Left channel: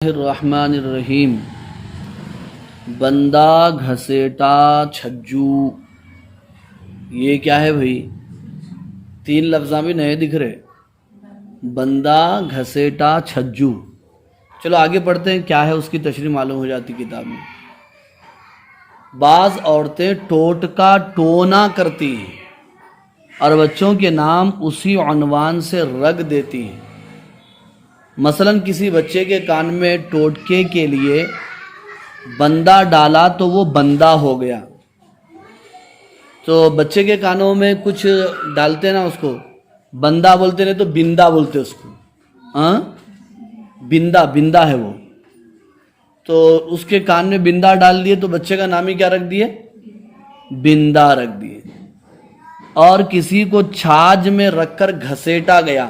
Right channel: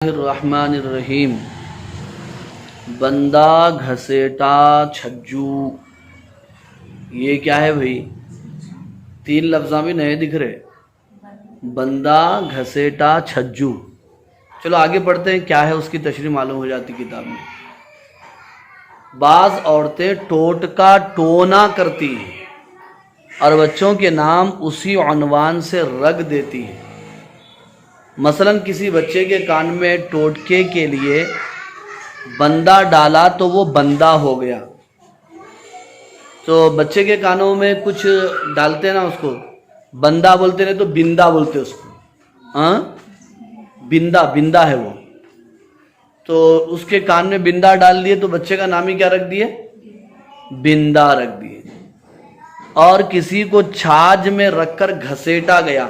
الرحمن الرحیم۔ بندہ گھسیٹا چھجو، یہ کیا ہے بھائی؟ تین لفظاں بھی نئے دکھ رہے، بندہ گھسیٹا چھجو۔ چلو آگے پڑھتے ہیں، کیا ہے اس کی تشریح معلوم ہو جاتی کتاب میں۔ بعض عورتیں ٹوٹکا ٹونا کرتی ہیں اور بچوں کے نام اسی عنوان سے رکھ دیتی ہیں۔ مثلا کسی بچے کے کان میں ٹوٹکے کے لیے بندہ ڈالا تو وہ بندہ ہو گیا۔ تو بچے کے کانوں میں کچھ ڈالتے نا، اس کو بندہ بولتے، نہیں تو بندہ بولتے اس کو، ہاں بندہ ہے وہ۔ تو اس کے کان میں بندہ ڈال دیے تو بچے کا نام ہی کیا رکھ دیے؟ بندہ رکھ دیے۔ اور کسی کو چھاج میں رکھ کر گھسیٹا گیا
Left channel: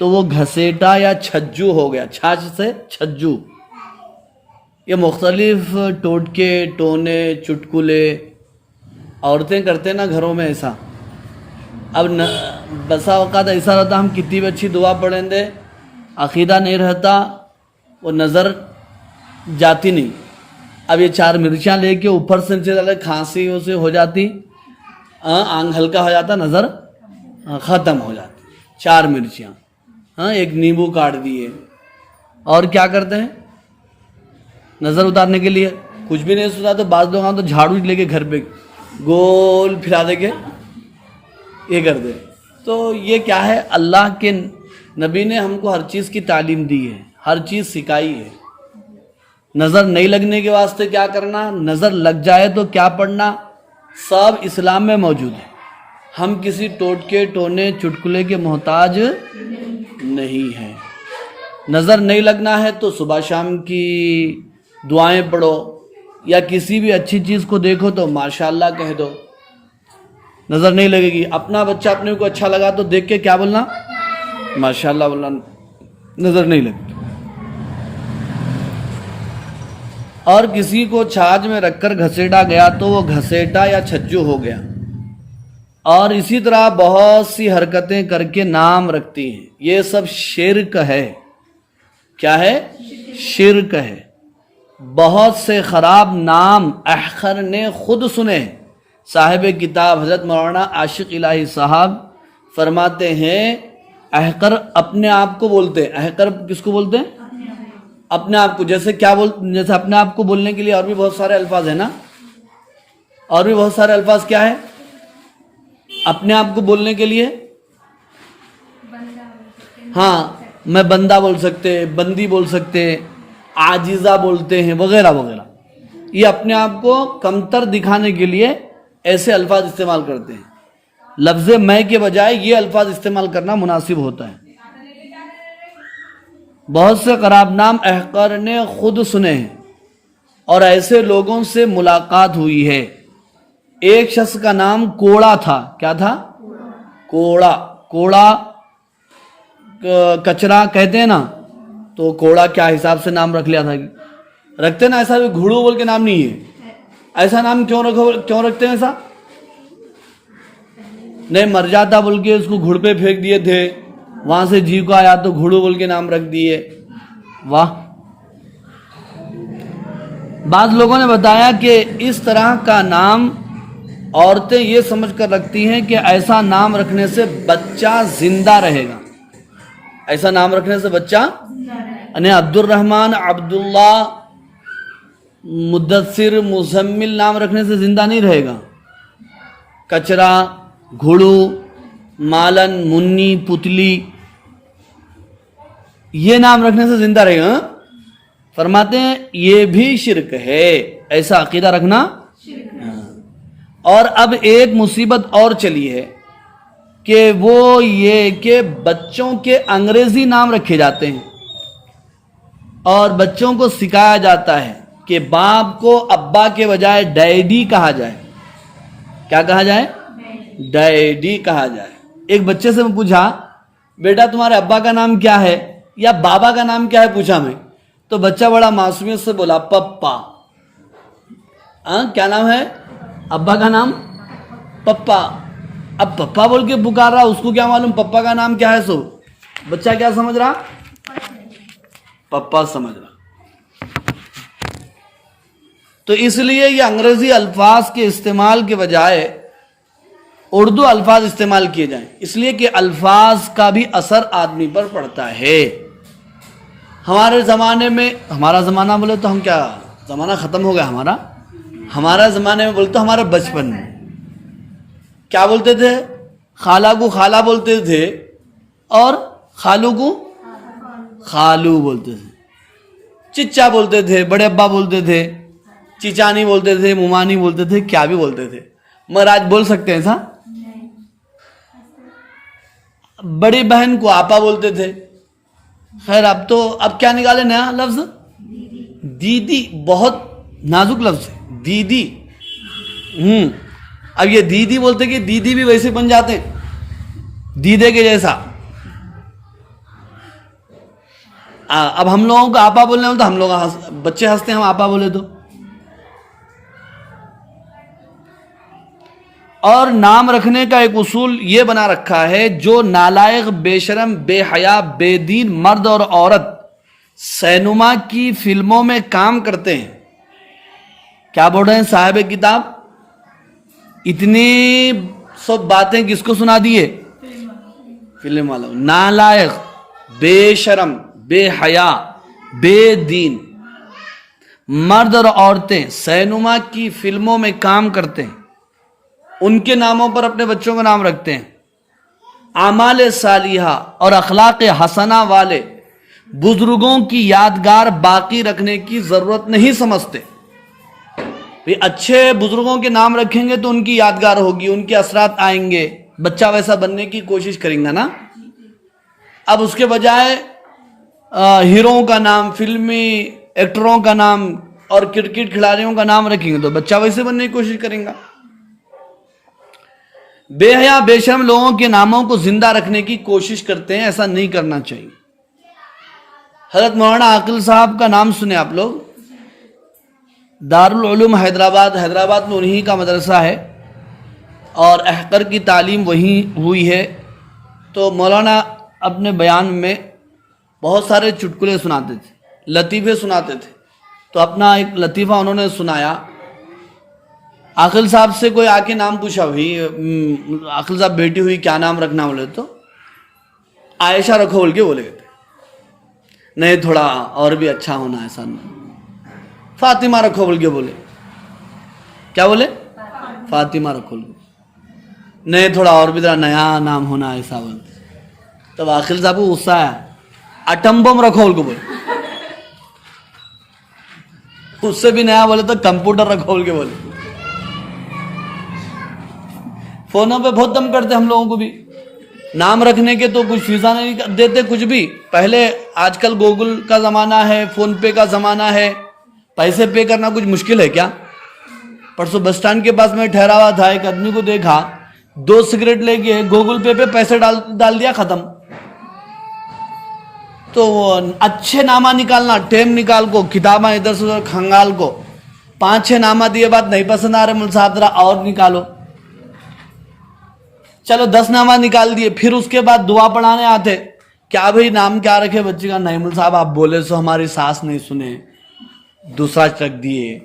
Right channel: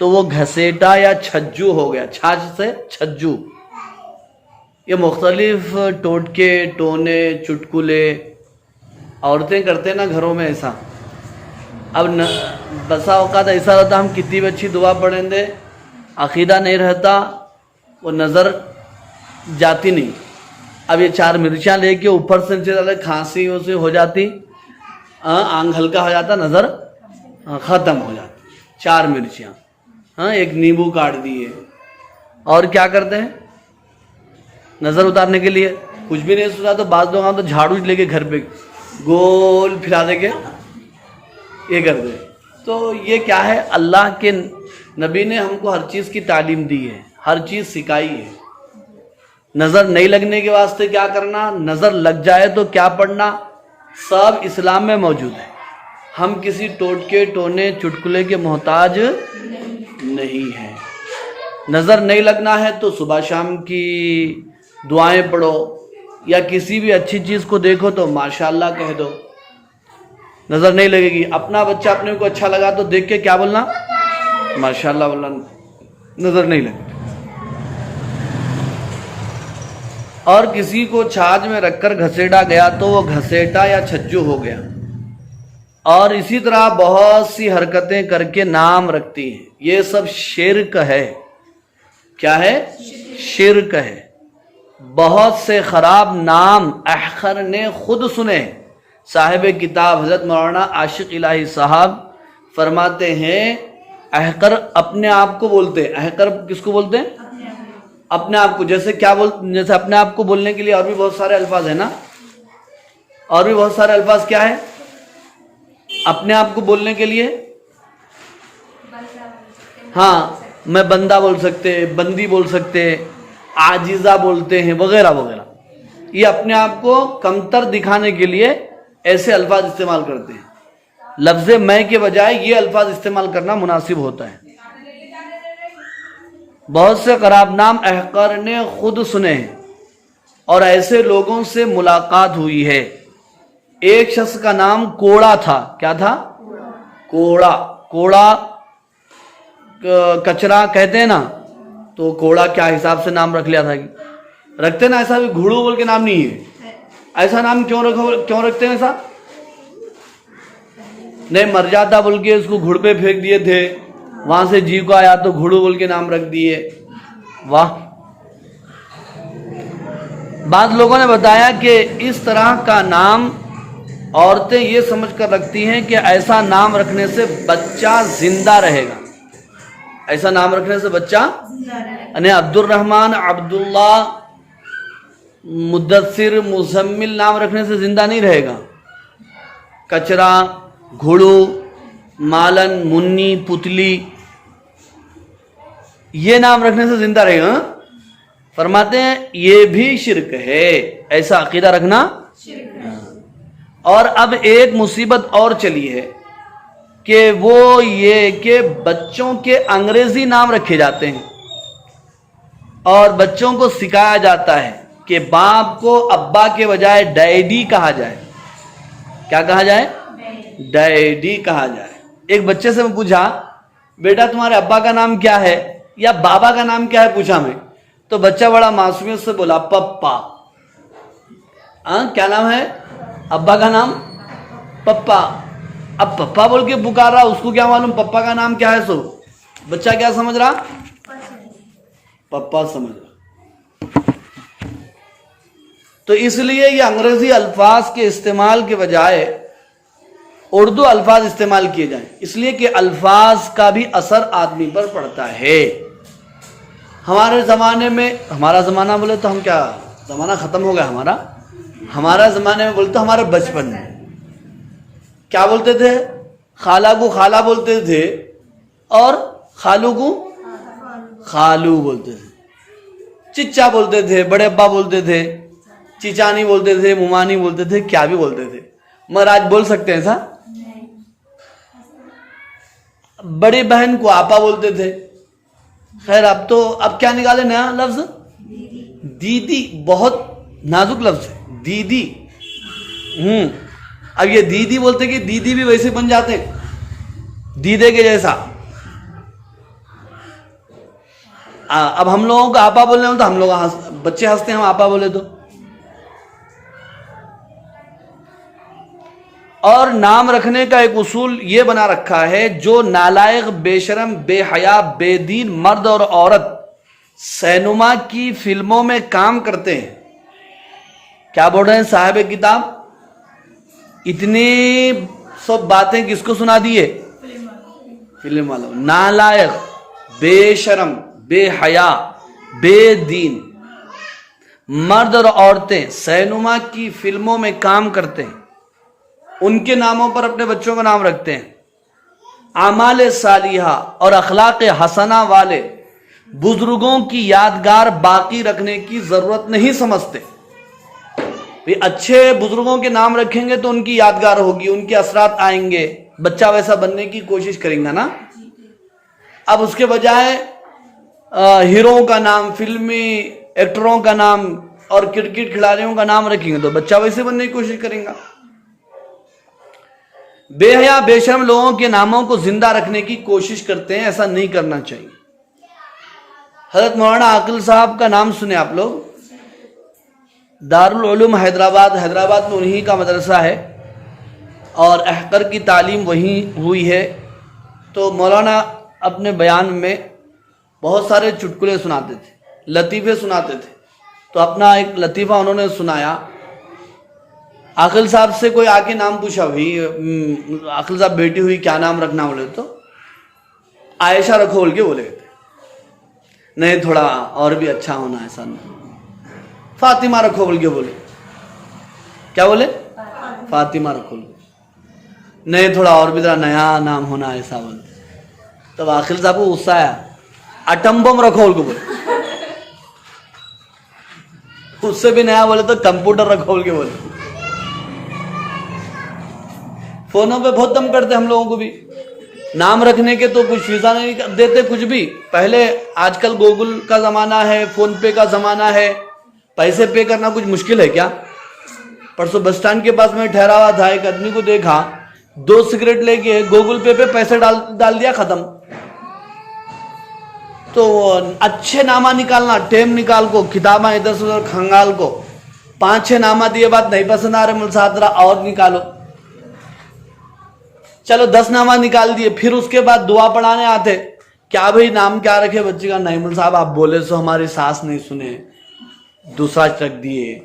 تو وہ گھسیٹا یا چھجو ہو گیا، چھاج سے چھجو۔ یہ مختلف ٹوٹکے ٹونے چٹکلے عورتیں کرتے نا گھروں میں ایسا۔ اب بسا اوقات ایسا رہتا، ہم کتنی بھی اچھی دعا پڑھیں دے، عقیدہ نہیں رہتا، وہ نظر جاتی نہیں۔ اب یہ 4 مرچیاں لے کے اوپر سے نیچے ڈالے، کھانسی اسے ہو جاتی، آنکھ ہلکا ہو جاتا، نظر ختم ہو جاتی۔ 4 مرچیاں، ایک نیمبو کاٹ دیے، اور کیا کرتے ہیں نظر اتارنے کے لیے؟ کچھ بھی نہیں سوچا تو بعض لوگ تو جھاڑو لے کے گھر پہ گول پھرا دے کے یہ کر دے۔ تو یہ کیا ہے؟ اللہ کے نبی نے ہم کو ہر چیز کی تعلیم دی ہے، ہر چیز سکھائی ہے۔ نظر نہیں لگنے کے واسطے کیا کرنا، نظر لگ جائے تو کیا پڑھنا، سب اسلام میں موجود ہے۔ ہم کسی ٹوٹکے ٹونے چٹکلے کے محتاج نہیں ہے۔ نظر نہیں لگنا ہے تو صبح شام کی دعائیں پڑھو، یا کسی بھی اچھی چیز کو دیکھو تو ماشاءاللہ کہہ دو، نظر نہیں لگے گی۔ اپنا بچہ اپنے کو اچھا لگا تو دیکھ کے کیا بولنا؟ ماشاءاللہ بولنا، نظر نہیں لگتی۔ اور کسی کو چھاج میں رکھ کر گھسیٹا گیا تو وہ گھسیٹا یا چھجو ہو گیا۔ اور اسی طرح بہت سی حرکتیں کر کے نام رکھتی ہیں، یہ سب شرک ہے۔ کیا ہے؟ شرک ہے۔ بہت سے خراب نام احقر نے خود سنے۔ صاحب کتاب حضرت مولانا عاشق الہی صاحب فرماتے ہیں، احقر اپنے آپ کو بولتے ہیں۔ احقر کس کو بولتے ہیں؟ اپنے آپ کو۔ جیسے کیا جیسے اپنے آپ کو بولنے کے لیے اور بھی بہت سارے الفاظ ہیں نا، اور بھی بہت سارے الفاظ کیا ہے اپنے آپ کو بولنے کے لیے؟ ہاں، میں بندہ بول سکتے، بندی بول سکتے، عاجزہ بولتے ہیں، وغیرہ وغیرہ۔ یہ اپنے آپ کو کمتر دکھانے کے لیے ایسے الفاظ استعمال کرتے ہیں۔ لفظ میں کے بجائے یہ الفاظ استعمال کرنا مناسب ہوتا ہے۔ بہت سے خراب نام احقر نے خود سنے ہیں اور ایسے لوگوں سے ملاقات ہوئی ہے۔ ایک شخص کا نام کوڑا تھا۔ کیا تھا؟ کوڑا۔ کوڑا کچرا کہتے ہیں نا، تو کوڑا کیا حساب سے نام رکھ لیا تھا؟ رکھتے نا ایسا بھی، گھوڑو بول کے نام نہیں ہے۔ ایسا نام کیوں رکھتے ہیں ایسا؟ نہیں، مر جاتا بول کے اس کو گھڑ پہ پھینک دیے تھے، وہاں سے جی کو آیا تو گھوڑو بول کے نام رکھ دیے۔ واہ! بعض لوگوں نے بتایا کہ اس طرح کا نام عورتیں یہ سمجھ کر رکھتی ہیں کہ ایسا نام رکھنے سے بچہ زندہ رہے گا۔ ایسا نام رکھنے سے بچہ، یعنی عبد الرحمن، عبداللہ، مدثر، مزمل نام رکھنے سے زندہ نہیں رہے گا۔ کچرا، گھوڑو، مالن، منی، پتلی، یہ نام رکھنے سے زندہ رہے گا۔ فرماتے ہیں یہ بھی شرک ہے، ایسا عقیدہ رکھنا۔ اور اب ایک مصیبت اور چلی ہے کہ وہ یہ کہ بچوں کے انگریزی نام رکھے جاتے ہیں، اور بچوں کو سکھایا جاتا ہے کہ باپ کو ابا کے بجائے ڈیڈی کہا جائے۔ کیا کہا جائے؟ ڈیڈی کہا جائے۔ ایک بچے سے میں پوچھا، بیٹا تمہارے ابا کا نام کیا ہے یا بابا کا نام کیا ہے پوچھا میں، تو بچہ بڑا معصومیت سے بولا پپا۔ کیا نام ہے؟ ابا کا نام پپا۔ اب پپا بول کے پکار رہا، اس کو کیا معلوم پپا کا نام کیا ہے؟ سو بچہ کیا سمجھ رہا؟ پپا سمجھ رہا. تو اس لیے یہ انگریزی الفاظ کے استعمال کے بجائے اردو الفاظ استعمال کیے جائیں، اس لیے کہ الفاظ کا بھی اثر آدمی پر پڑتا ہے. ہمارے زمانے میں، ہمارا زمانہ بولے تو ہم کیا، زمانہ ختم ہو گیا ہمارا زمانے میں بولتے ہمارے بچپن میں کیا بولتے تھے؟ خالہ کو خالہ بولتے تھے اور خالو کو خالو بولتے تھے. چچا بولتے تھے، بڑے ابا بولتے تھے، چچانی بولتے تھے، ممانی بولتے تھے، کیا بھی بولتے تھے. مگر آج بول سکتے ہیں ایسا؟ بڑی بہن کو آپا بولتے تھے. خیر اب کیا نکالے نیا لفظ؟ دیدی. بہت نازک لفظ ہے دیدی. اب یہ دیدی بولتے کہ دیدی بھی ویسے بن جاتے ہیں دیدے کے جیسا. اب ہم لوگوں کو آپا بولنے میں تو ہم لوگ بچے ہنستے ہیں ہم آپا بولے تو. اور نام رکھنے کا ایک اصول یہ بنا رکھا ہے، جو نالائق، بے شرم، بے حیا، بے دین مرد اور عورت سینما کی فلموں میں کام کرتے ہیں. کیا بول رہے ہیں صاحب کتاب؟ اتنی سب باتیں کس کو سنا دیے؟ فلم والوں. نالائق، بے شرم، بے حیا، بے دین مرد اور عورتیں سینما کی فلموں میں کام کرتے ہیں، ان کے ناموں پر اپنے بچوں کا نام رکھتے ہیں. اعمال صالحہ اور اخلاق حسنہ والے بزرگوں کی یادگار باقی رکھنے کی ضرورت نہیں سمجھتے. اچھے بزرگوں کے نام رکھیں گے تو ان کی یادگار ہوگی، ان کے اثرات آئیں گے، بچہ ویسا بننے کی کوشش کریں گا نا. اب اس کے بجائے ہیروؤں کا نام، فلمی ایکٹروں کا نام اور کرکٹ کھلاڑیوں کا نام رکھیں گے تو بچہ ویسے بننے کی کوشش کریں گا. بے حیا بے شرم لوگوں کے ناموں کو زندہ رکھنے کی کوشش کرتے ہیں، ایسا نہیں کرنا چاہیے. حضرت مولانا عاقل صاحب کا نام سنے آپ لوگ؟ دارالعلوم حیدرآباد میں انہی کا مدرسہ ہے اور احقر کی تعلیم وہیں ہوئی ہے. تو مولانا اپنے بیان میں بہت سارے چٹکلے سناتے تھے، لطیفے سناتے تھے. تو اپنا ایک لطیفہ انہوں نے سنایا. عاقل صاحب سے کوئی آ کے نام پوچھا، بھائی عاقل صاحب بیٹی ہوئی کیا نام رکھنا؟ بولے تو عائشہ رکھو بول کے بولے تھے. نہیں تھوڑا اور بھی اچھا ہونا ایسا نہیں. فاطمہ رکھو بول کے بولے. کیا بولے؟ فاطمہ رکھو بول. نہیں تھوڑا اور بھی ذرا نیا نام ہونا ایسا بولتے. تب عاقل صاحب کو غصہ آیا، اٹمبم رکھو بول کے بولے. اس سے بھی نیا بولے تو کمپیوٹر رکھو بول کے بولے. فونوں پہ بہت دم کرتے ہم لوگوں کو بھی نام رکھنے کے، تو کچھ فیصہ نہیں دیتے کچھ بھی. پہلے آج کل گوگل کا زمانہ ہے، فون پے کا زمانہ ہے، پیسے پے کرنا کچھ مشکل ہے کیا؟ پرسوں بس اسٹینڈ کے پاس میں ٹھہرا ہوا تھا، ایک آدمی کو دیکھا 2 سگریٹ لے کے گوگل پے پہ پیسے ڈال دیا، ختم. تو اچھے نامہ نکالنا، ٹیم نکال کو، کتاباں ادھر سے ادھر کھنگال کو 5-6 نامہ دیے، بات نہیں پسند آ رہے ملساترا اور نکالو. چلو 10 نامہ نکال دیے، پھر اس کے بعد دعا پڑھانے آتے. کیا بھئی نام کیا رکھے بچے کا؟ نہیں مول صاحب آپ بولے سو ہماری ساس نہیں سنے، دوسرا رکھ دیے.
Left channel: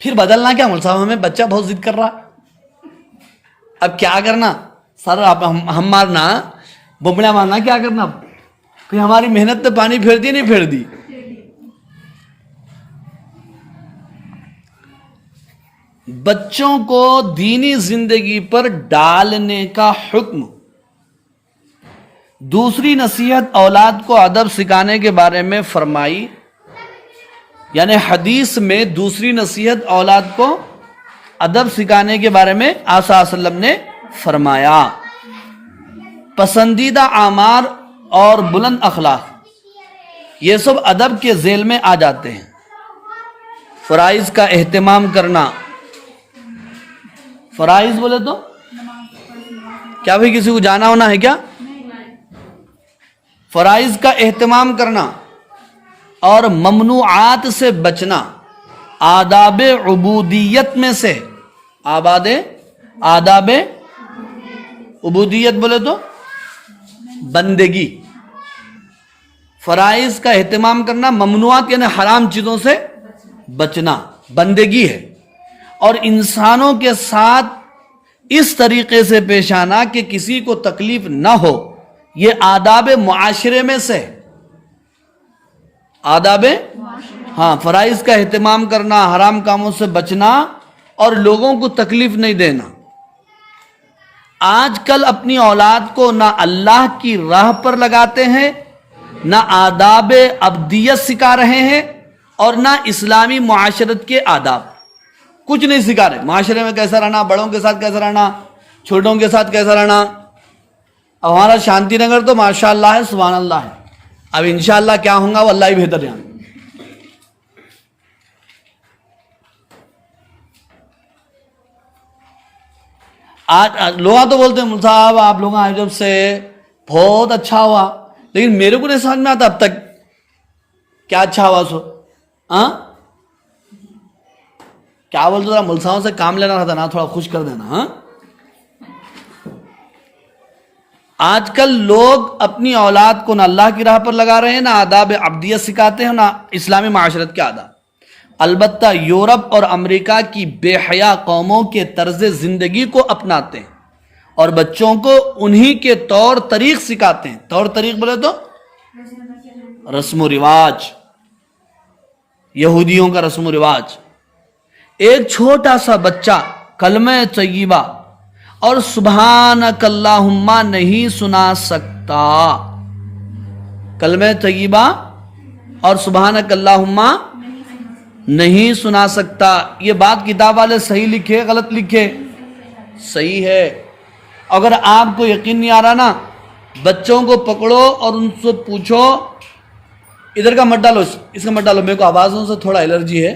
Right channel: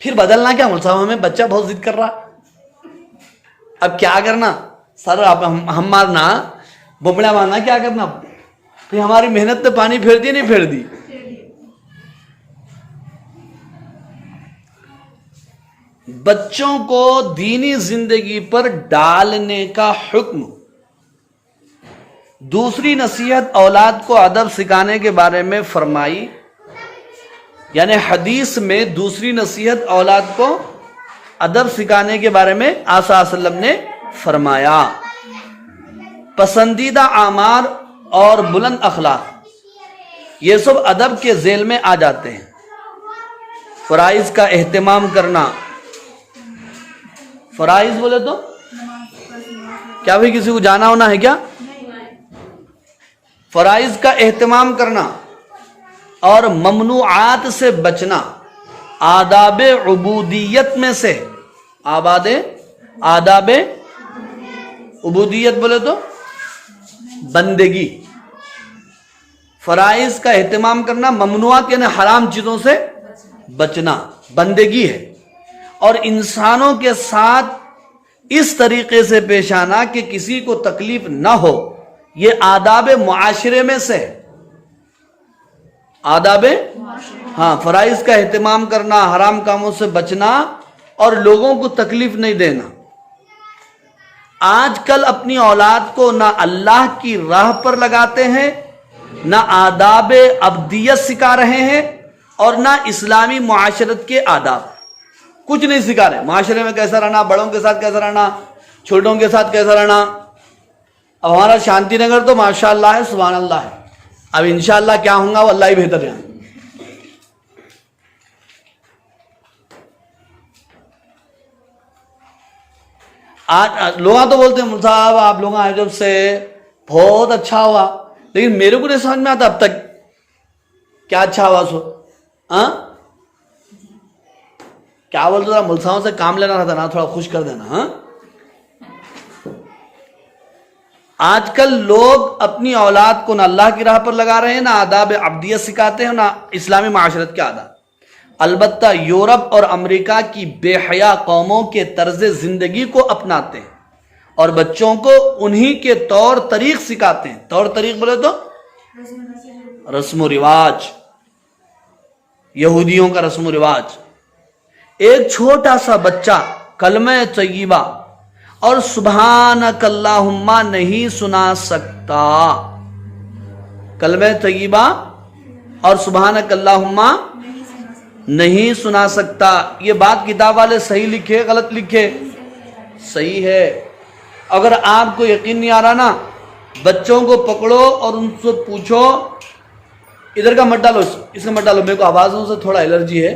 پھر بدلنا کیا مول صاحب؟ ہمیں بچہ بہت ضد کر رہا. اب کیا کرنا سر؟ ہم مارنا بمڑا مارنا، کیا کرنا؟ پھر ہماری محنت تو پانی پھیر دی نہیں پھیر دی. بچوں کو دینی زندگی پر ڈالنے کا حکم. دوسری نصیحت اولاد کو ادب سکھانے کے بارے میں فرمائی، یعنی حدیث میں دوسری نصیحت اولاد کو ادب سکھانے کے بارے میں آپ صلی اللہ علیہ وسلم نے فرمایا، پسندیدہ اعمال اور بلند اخلاق یہ سب ادب کے ذیل میں آ جاتے ہیں. فرائض کا اہتمام کرنا. فرائض بولے تو کیا بھی کسی کو جانا ہونا ہے کیا؟ فرائض کا اہتمام کرنا اور ممنوعات سے بچنا آداب عبودیت میں سے. آداب عبودیت بولے تو بندگی. فرائض کا اہتمام کرنا، ممنوعات یعنی حرام چیزوں سے بچنا بندگی ہے، اور انسانوں کے ساتھ اس طریقے سے پیش آنا کہ کسی کو تکلیف نہ ہو، یہ آداب معاشرے میں سے آداب، ہاں، فرائض کا اہتمام کرنا، حرام کاموں سے بچنا اور لوگوں کو تکلیف نہیں دینا۔ آج کل اپنی اولاد کو نہ اللہ کی راہ پر لگاتے ہیں، نہ آداب ابدیت سکھا رہے ہیں، اور نہ اسلامی معاشرت کے آداب، کچھ نہیں سکھا رہے۔ معاشرے میں کیسا رہنا، بڑوں کے ساتھ کیسا رہنا، چھوٹوں کے ساتھ کیسا رہنا۔ اب ہمارا شانتی نگر تو ماشاءاللہ ہے، سبحان اللہ ہے، اب انشاءاللہ کیا ہوں گا وہ اللہ ہی بہتر ہے۔ آج لوگ تو بولتے ہیں صاحب آپ لوگ آئے جب سے بہت اچھا ہوا، لیکن میرے کو نہیں سمجھ میں آتا اب تک کیا اچھا ہوا سو، کیا بولتے تھا، ملساؤں سے کام لینا رہتا نا، تھوڑا خوش کر دینا۔ ہاں، آج کل لوگ اپنی اولاد کو نہ اللہ کی راہ پر لگا رہے ہیں، نہ آداب عبدیت سکھاتے ہیں، نہ اسلامی معاشرت کے آداب۔ البتہ یورپ اور امریکہ کی بے حیا قوموں کے طرز زندگی کو اپناتے ہیں اور بچوں کو انہی کے طور طریق سکھاتے ہیں۔ طور طریق بولے تو رسم و رواج، یہودیوں کا رسم و رواج۔ ایک چھوٹا سا بچہ کلمہ طیبہ اور سبحانک اللہم نہیں سنا سکتا، کلمہ طیبہ اور سبحانک اللہم نہیں سنا سکتا۔ یہ بات کتاب والے صحیح لکھے غلط لکھے؟ صحیح ہے۔ اگر آپ کو یقین نہیں آ رہا نا، بچوں کو پکڑو اور ان سے پوچھو، ادھر کا مت ڈالو، اس کا مت ڈالو، میرے کو آوازوں سے تھوڑا الرجی ہے،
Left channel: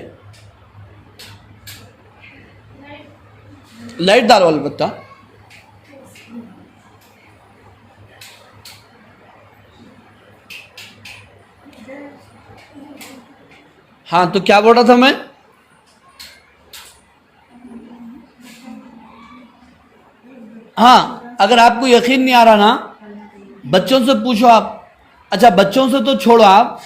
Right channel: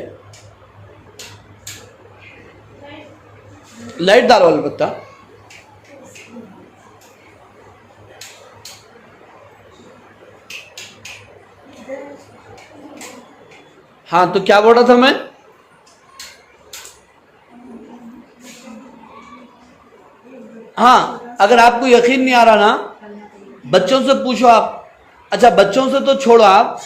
لائٹ ڈالو البتہ۔ ہاں، تو کیا بول رہا تھا میں؟ ہاں، اگر آپ کو یقین نہیں آ رہا نا، بچوں سے پوچھو آپ۔ اچھا، بچوں سے تو چھوڑو، آپ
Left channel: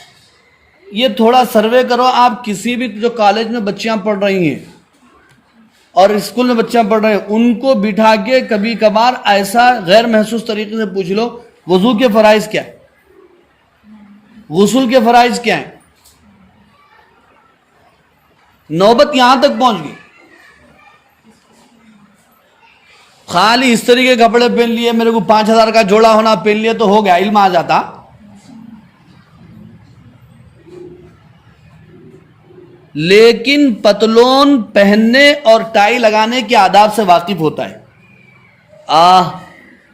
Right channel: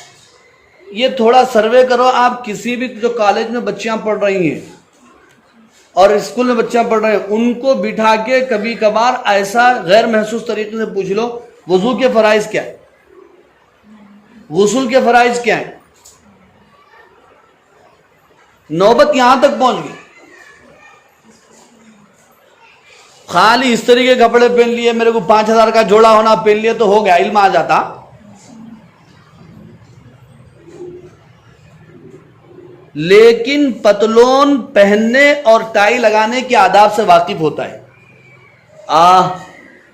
یہ تھوڑا سروے کرو، آپ کسی بھی جو کالج میں بچیاں پڑھ رہی ہیں اور اسکول میں بچیاں پڑھ رہے ہیں، ان کو بٹھا کے کبھی کبھار ایسا غیر محسوس طریقے سے پوچھ لو، وضو کے فرائض کیا ہے، غسل کے فرائض کیا ہیں۔ نوبت یہاں تک پہنچ گئی، خالی اس طریقے کے کپڑے پہن لیے، میرے کو 5,000 کا جوڑا ہونا پہن لیے تو ہو گیا، علم آ جاتا۔ لیکن پتلون پہننے اور ٹائی لگانے کے آداب سے واقف ہوتا ہے۔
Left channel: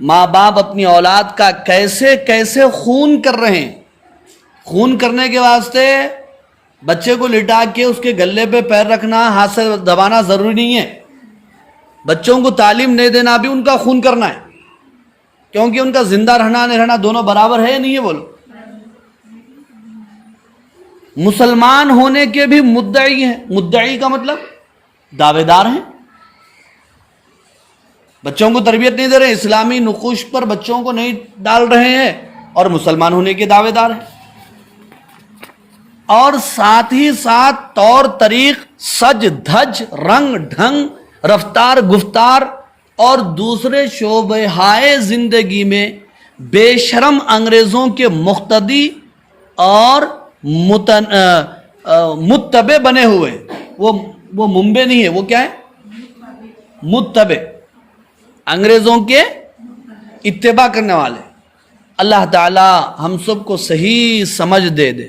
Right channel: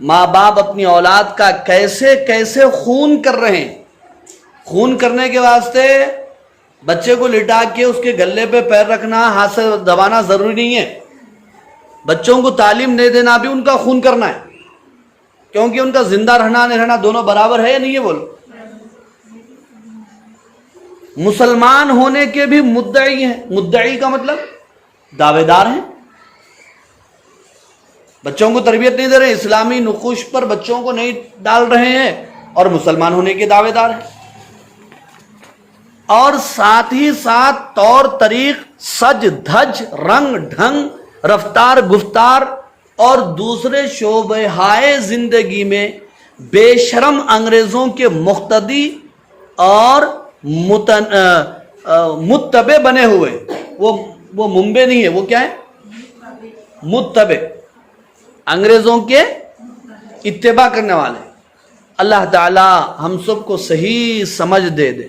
ماں باپ اپنی اولاد کا کیسے کیسے خون کر رہے ہیں۔ خون کرنے کے واسطے بچے کو لٹا کے اس کے گلے پہ پیر رکھنا، ہاتھ سے دبانا ضروری نہیں ہے۔ بچوں کو تعلیم نہیں دینا بھی ان کا خون کرنا ہے، کیونکہ ان کا زندہ رہنا نہیں رہنا دونوں برابر ہے یا نہیں ہے؟ بولو۔ مسلمان ہونے کے بھی مدعی ہیں، مدعی کا مطلب دعوے دار ہیں۔ بچوں کو تربیت نہیں دے رہے، اسلامی نقوش پر بچوں کو نہیں ڈال رہے ہیں، اور مسلمان ہونے کے دعوے دار ہیں۔ اور ساتھ ہی ساتھ طور طریق، سج دھج، رنگ ڈھنگ، رفتار گفتار اور دوسرے شعبہ ہائے زندگی میں بے شرم انگریزوں کے مقتدی اور متبع بنے ہوئے۔ وہ منبع نہیں ہے، وہ کیا ہے؟ متبع، انگریزوں کے اتباع کرنے والے۔ اللہ تعالی ہم سب کو صحیح سمجھ دے دے۔